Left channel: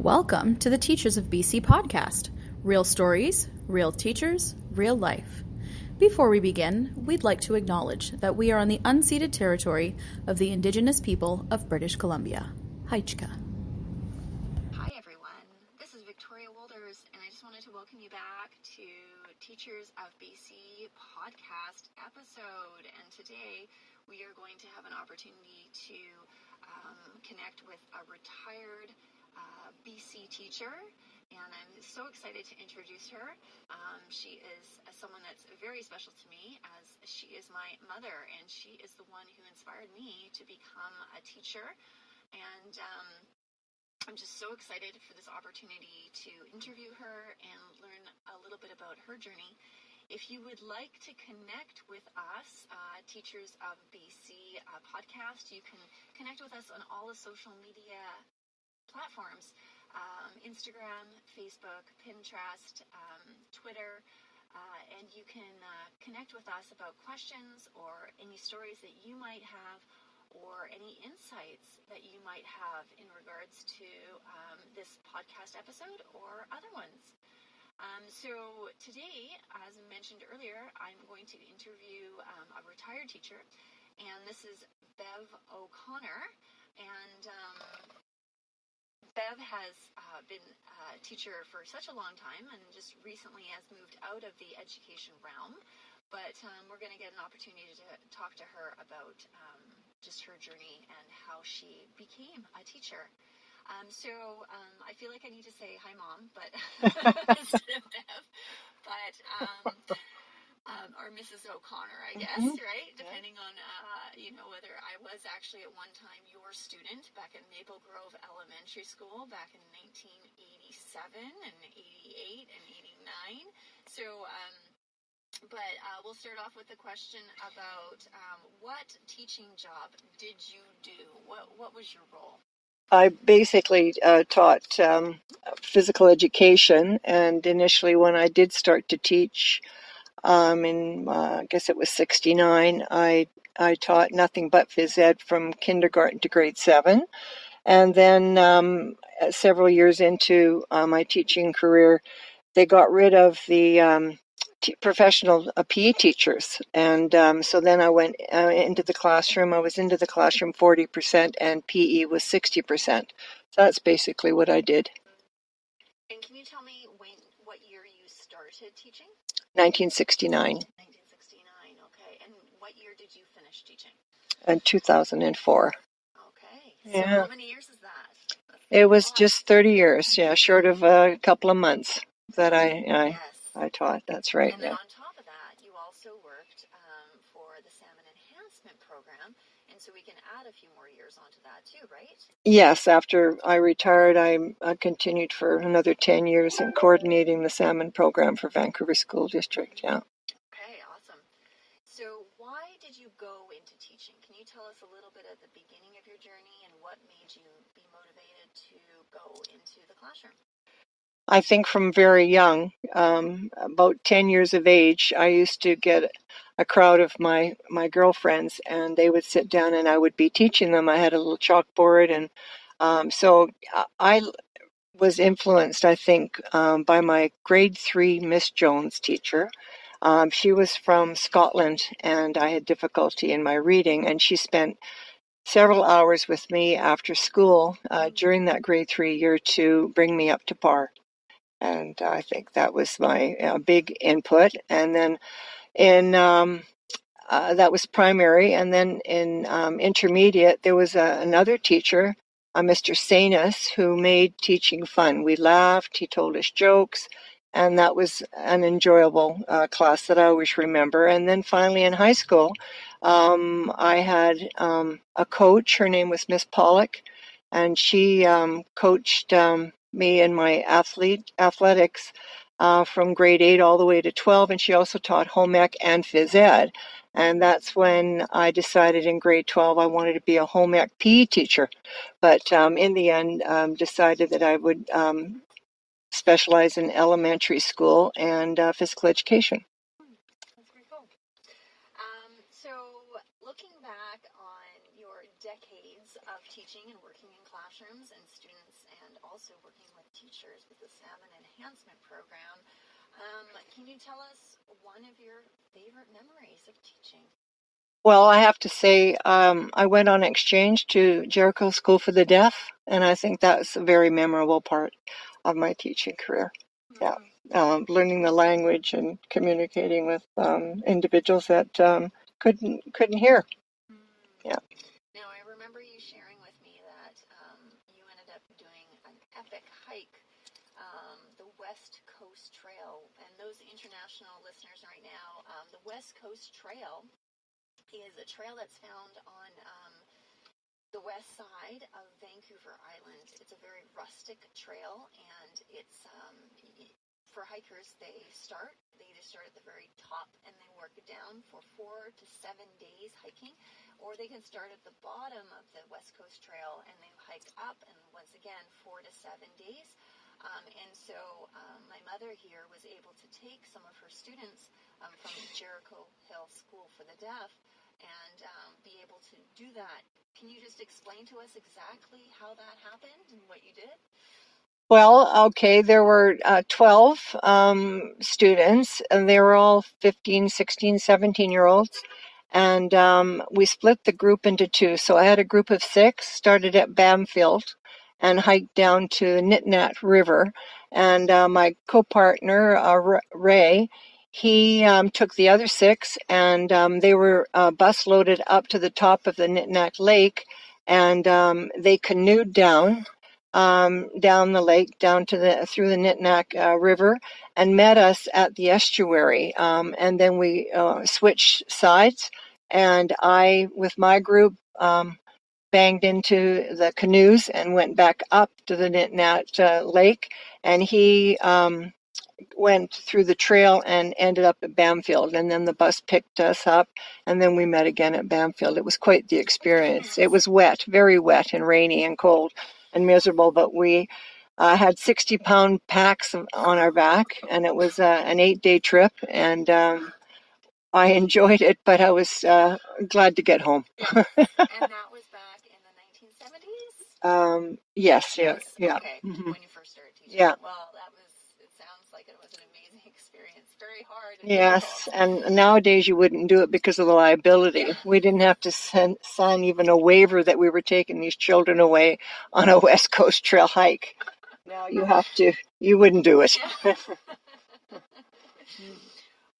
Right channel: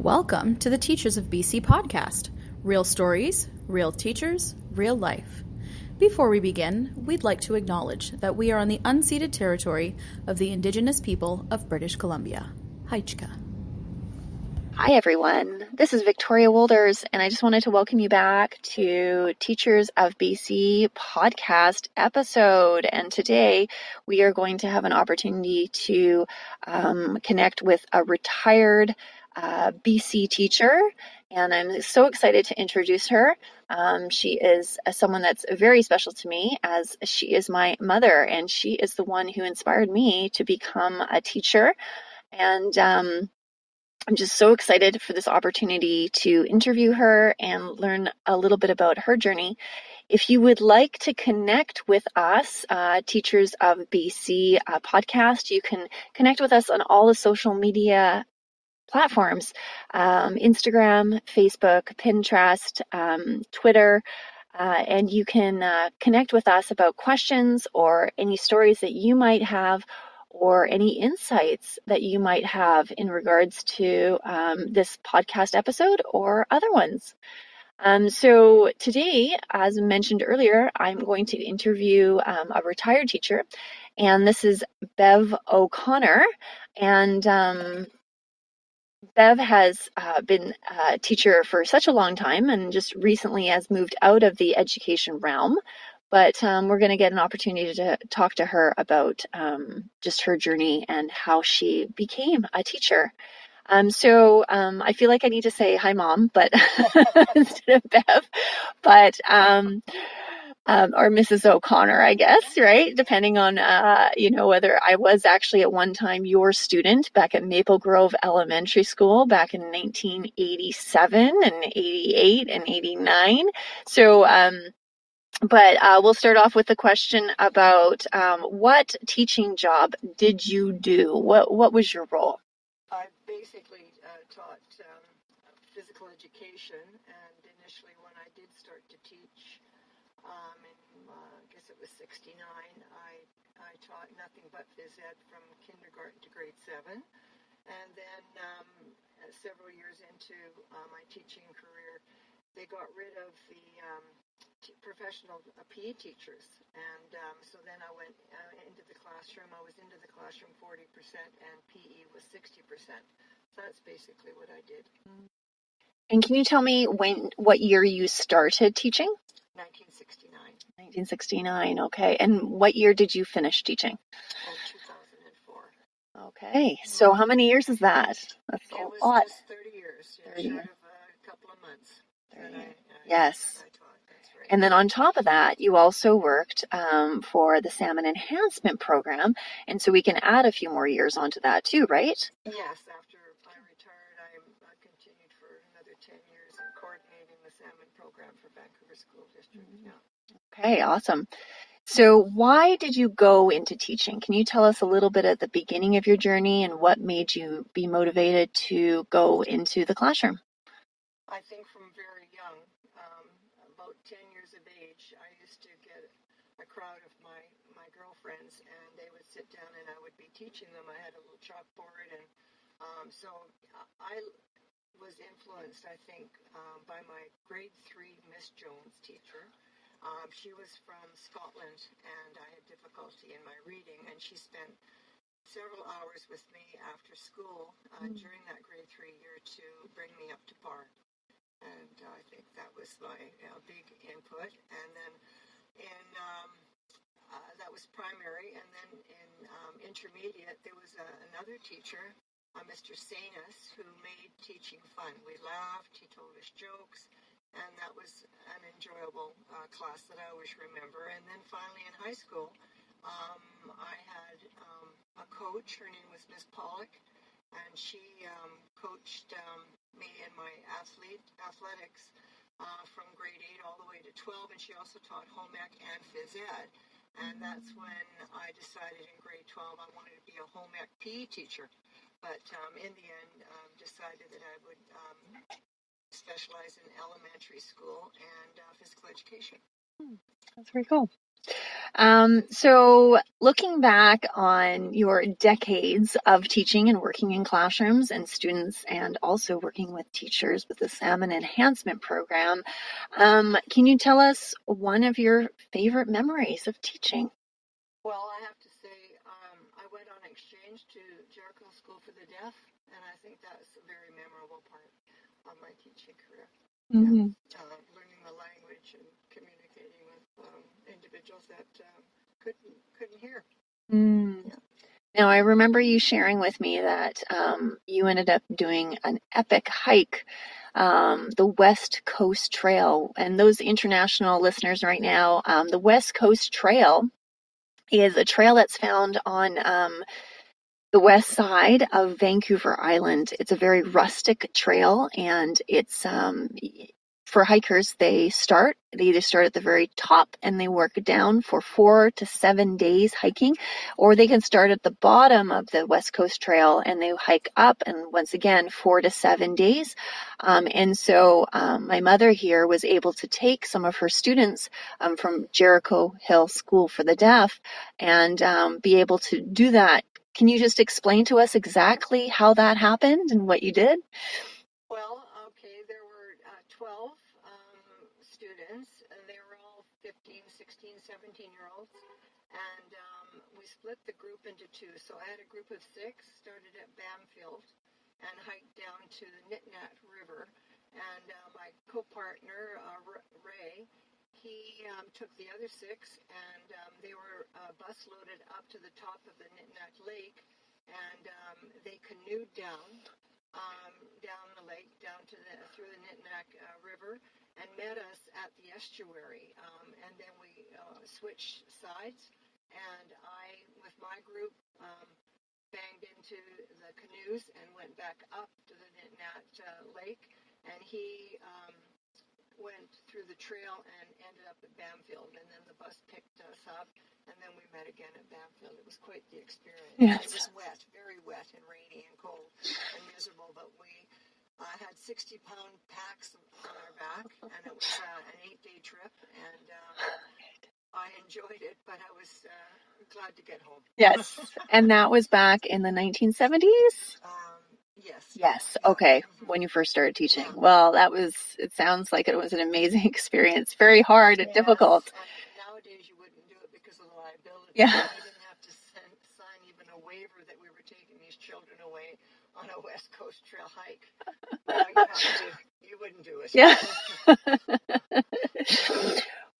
Welcome to the Teachers of B.C. podcast. Real stories, real teachers, real life. Before we begin, we'd like to acknowledge that we are on the unceded territory of the Indigenous people of British Columbia. Haichka. Hi everyone, this is Victoria Wolders, and I just wanted to welcome you back to Teachers of B.C. podcast episode. And today we are going to have an opportunity to connect with a retired B.C. teacher, and I'm so excited to introduce her. She is someone that's very special to me, as she is my mother, and she is the one who inspired me to become a teacher. And I'm just so excited for this opportunity to interview her and learn a little bit about her journey. If you would like to connect with us, Teachers of BC podcast, you can connect with us on all the social media platforms, Instagram, Facebook, Pinterest, Twitter, and you can connect with us about questions or any stories that you might have or any insights that you might have in regards to this podcast episode or other ones. So today, as mentioned earlier, I'm going to interview a retired teacher, and this is Bev O'Connor. And Bev has been a teacher for such a long time and just recently has moved out of the education realm. But we're going to get an opportunity to talk to her about just her journey and how she became a teacher. So I feel like I need to say hi, Mom, but instead of Bev, but or Mrs. O'Connor, I guess, right? Depending on, whether I was actually at one time your student back at Maple Grove Elementary School back in 1987 and 88 and 89. So, but we'll start off with the question about what teaching job did you do? What was your role? I basically taught physical education, and initially when I did start to teach I guess it was 69, I taught nothing but phys ed from kindergarten to grade 7. And then several years into my teaching career, they got rid of the professional PE teachers. And so then I went into the classroom. I was into the classroom 40% and PE was 60%. So that's basically what I did. And can you tell me what year you started teaching? 1969. 1969, okay. And what year did you finish teaching? In 2004. Okay, so how many years is that? It was just 30 years, short of a couple of months that I taught. That's right. And then on top of that, you also worked for the Salmon Enhancement Program, and so we can add a few more years onto that too, right? Yes, after I retired, I continued for another 10 years in coordinating the salmon program for Vancouver School District, yeah. Okay, awesome. So why did you go into teaching? Can you tell us a little bit at the beginning of your journey and what made you be motivated to go into the classroom? I think from very young, about 10 years of age, I used to get a crowd of my girlfriends, and they would sit down and I would be teaching them. I had a little chalkboard, and so I was influenced, I think, by my grade 3 Miss Jones teacher. She was from Scotland, and I had difficulty in my reading, and she spent several hours with me after school during that grade 3 year to bring me up to par. And I think that was my big input. And then that was primary. And then in intermediate, there was another teacher, Mr. Sanus, who made teaching fun. We laughed, he told us jokes, and that was an enjoyable class that I always remember. And then finally in high school, I had a coach. Her name was Miss Pollock, and she coached me in my athletics from grade 8 all the way to 12, and she also taught home ec and phys ed. And that's when I decided in grade 12 I wanted to be a home ec PE teacher. But in the end, decided that I would specialize in elementary school and physical education. That's very cool. So looking back on your decades of teaching and working in classrooms and students and also working with teachers with the Salmon Enhancement Program, can you tell us one of your favorite memories of teaching? Well, I have to say, I went on exchange to Jericho School for the Deaf, and I think that's a very memorable part of my teaching career. Yeah, Mm. learning the language and communicating with individuals that couldn't hear. Mm. Yeah. Now, I remember you sharing with me that you ended up doing an epic hike, the West Coast Trail. And those international listeners right now, the West Coast Trail is a trail that's found on the west side of Vancouver Island. It's a very rustic trail, and it's for hikers. They either start at the very top and they work down for 4 to 7 days hiking, or they can start at the bottom of the West Coast Trail and they hike up, and once again 4 to 7 days. And so my mother here was able to take some of her students from Jericho Hill School for the Deaf and be able to do that. Can you just explain to us exactly how that happened and what you did? Well, okay, there were 12 students, and they were all 15, 16, 17-year-olds. And we split the group into two. So I had a group of 6, started at Bamfield and hiked down to the Nitnat River. And my co-partner, Ray, he took the other 6, and they were bus loaded up to the top of the Nitnat Lake, and they canoed down the lake, down to through the Nitnack River, and met us at the estuary. And then we switched sides, and I, with my group, banged into the canoes and went back up to the Nitnat Lake, and he went through the trail and ended up at Bamfield, and then the bus picked us up, and then we met again at Bamfield. It was quite the experience. Yes. It was wet, very wet and rainy and cold and miserable, but we had 60-pound packs on our back, and it was an 8-day trip, and I enjoyed it, but I was glad to get home. Yes. And that was back in the 1970s? Yes. Yes. Yeah. Okay. Mhm. When you first started teaching. Yeah. Well, it sounds like it was an amazing experience. Very hard and difficult. Yes, and nowadays you wouldn't do it because of the liability. Yeah. We didn't have to sign even a waiver that we were taking these children away on a West Coast Trail hike. Now you wouldn't do it. Yeah.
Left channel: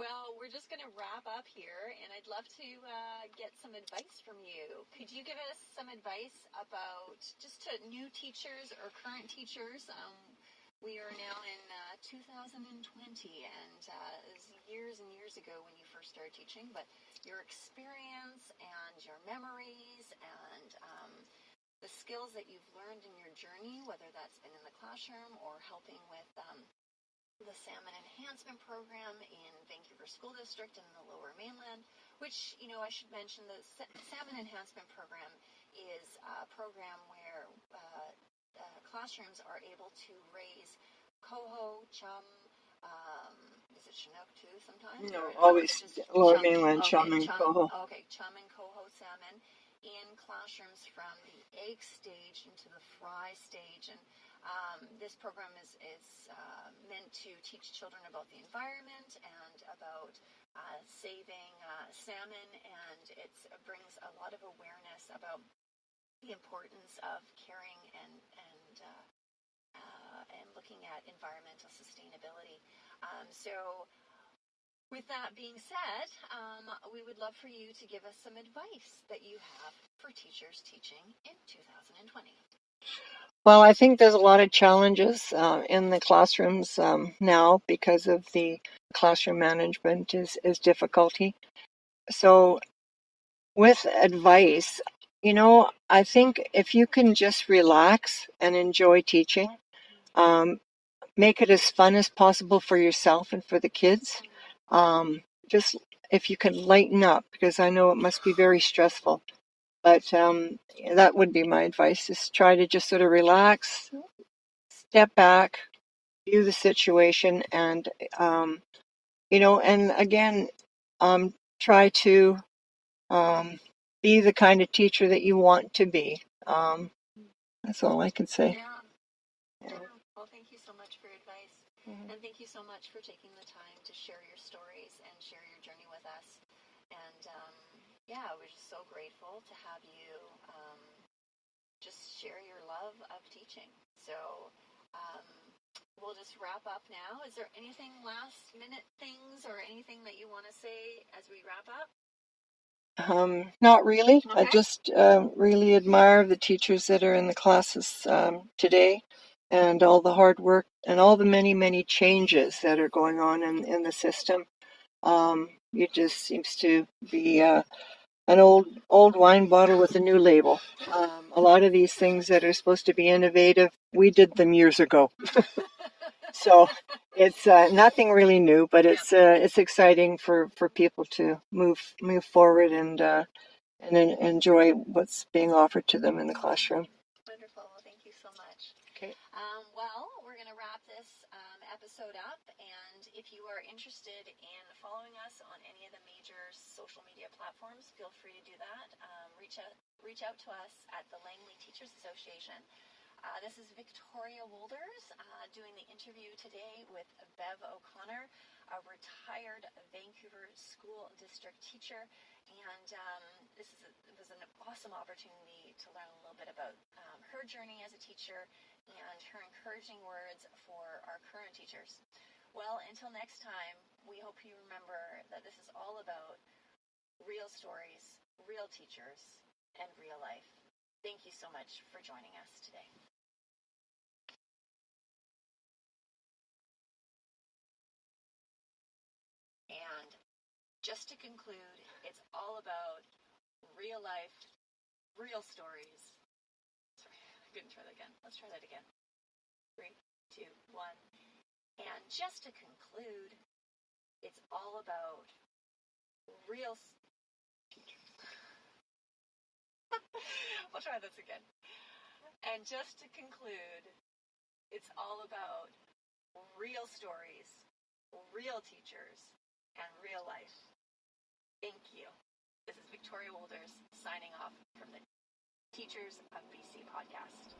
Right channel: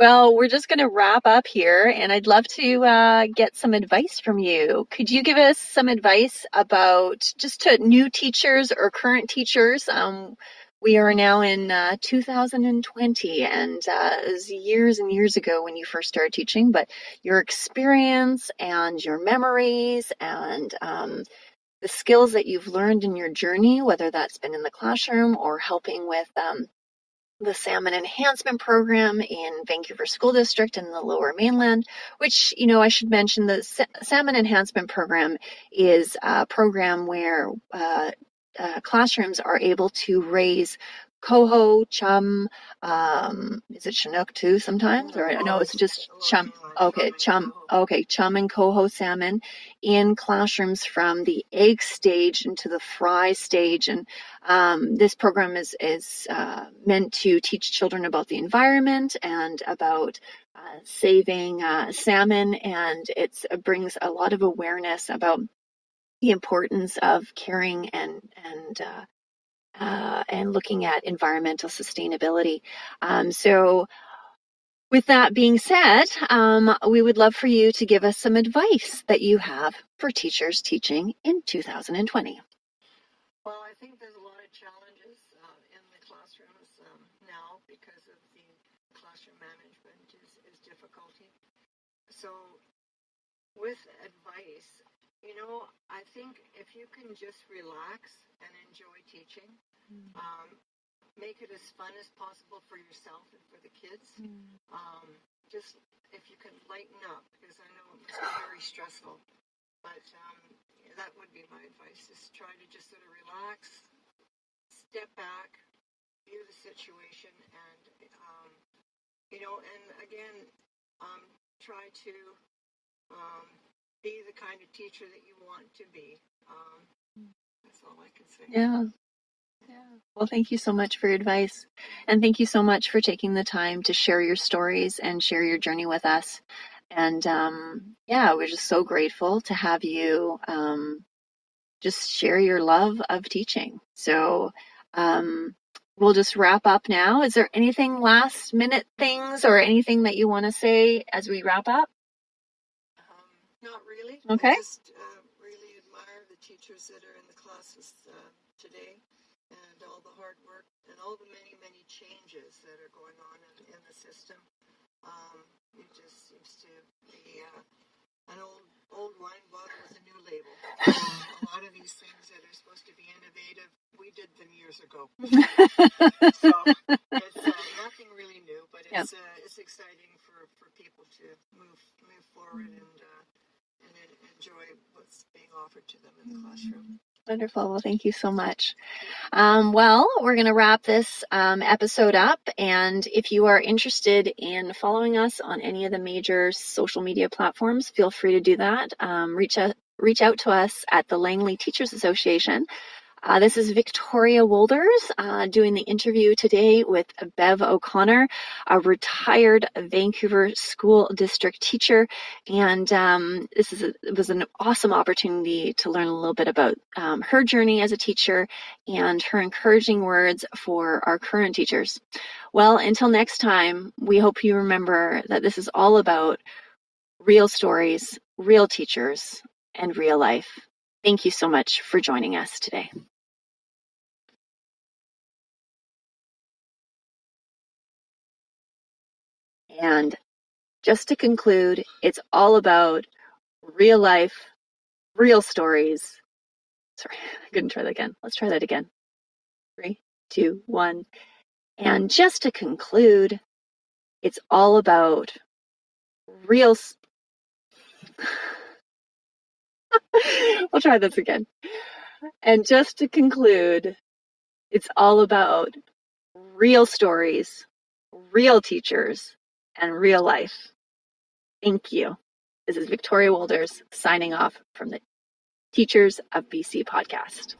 Well, we're just going to wrap up here, and I'd love to get some advice from you. Could you give us some advice about just to new teachers or current teachers? We are now in 2020, and it was years and years ago when you first started teaching, but your experience and your memories and the skills that you've learned in your journey, whether that's been in the classroom or helping with the Salmon Enhancement Program in Vancouver School District in the Lower Mainland, which, I should mention the Salmon Enhancement Program is a program where classrooms are able to raise coho, chum, is it Chinook too sometimes? Or no, it's just Lower chum. Mainland, Okay, chum and chum. coho. Okay, chum and coho salmon in classrooms from the egg stage into the fry stage. And this program is meant to teach children about the environment and about saving salmon, and it brings a lot of awareness about the importance of caring and looking at environmental sustainability. So, with that being said, we would love for you to give us some advice that you have for teachers teaching in 2020. Well, I think there's a lot of challenges in the classrooms now because of the classroom management is difficulty. So with advice, I think if you can just relax and enjoy teaching, um, make it as fun as possible for yourself and for the kids. Just if you can lighten up, because I know it must be very stressful. But that would be my advice: is try to just sort of relax, step back, view the situation, and and again, try to be the kind of teacher that you want to be. That's all I can say. Yeah. Well, thank you so much for your advice. And thank you so much for taking the time to share your stories and share your journey with us. And yeah, we're just so grateful to have you just share your love of teaching. So we'll just wrap up now. Is there anything last minute things or anything that you want to say as we wrap up? Not really. I Okay. just really admire the teachers that are in the classes today, and all the hard work and all the many, many changes that are going on in the system. It just seems to be an old wine bottle with a new label. A lot of these things that are supposed to be innovative, we did them years ago. So it's nothing really new, but it's exciting for people to move forward and enjoy what's being offered to them in the classroom. Wonderful. Well, thank you so much. Well, we're going to wrap this episode up. And if you are interested in following us on any of the major social media platforms, feel free to do that. Reach out to us at the Langley Teachers Association. This is Victoria Wolders doing the interview today with Bev O'Connor, a retired Vancouver School District teacher. And it was an awesome opportunity to learn a little bit about her journey as a teacher and her encouraging words for our current teachers. Well, until next time, we hope you remember that this is all about real stories, real teachers, and real life. Thank you so much for joining us today. And just to conclude, it's all about real life, real stories. Sorry, I couldn't try that again. Let's try that again. 3, 2, 1. And just to conclude, it's all about real. We'll try this again. And just to conclude, it's all about real stories, real teachers, and real life. Thank you. This is Victoria Wolders signing off from the Teachers of BC podcast.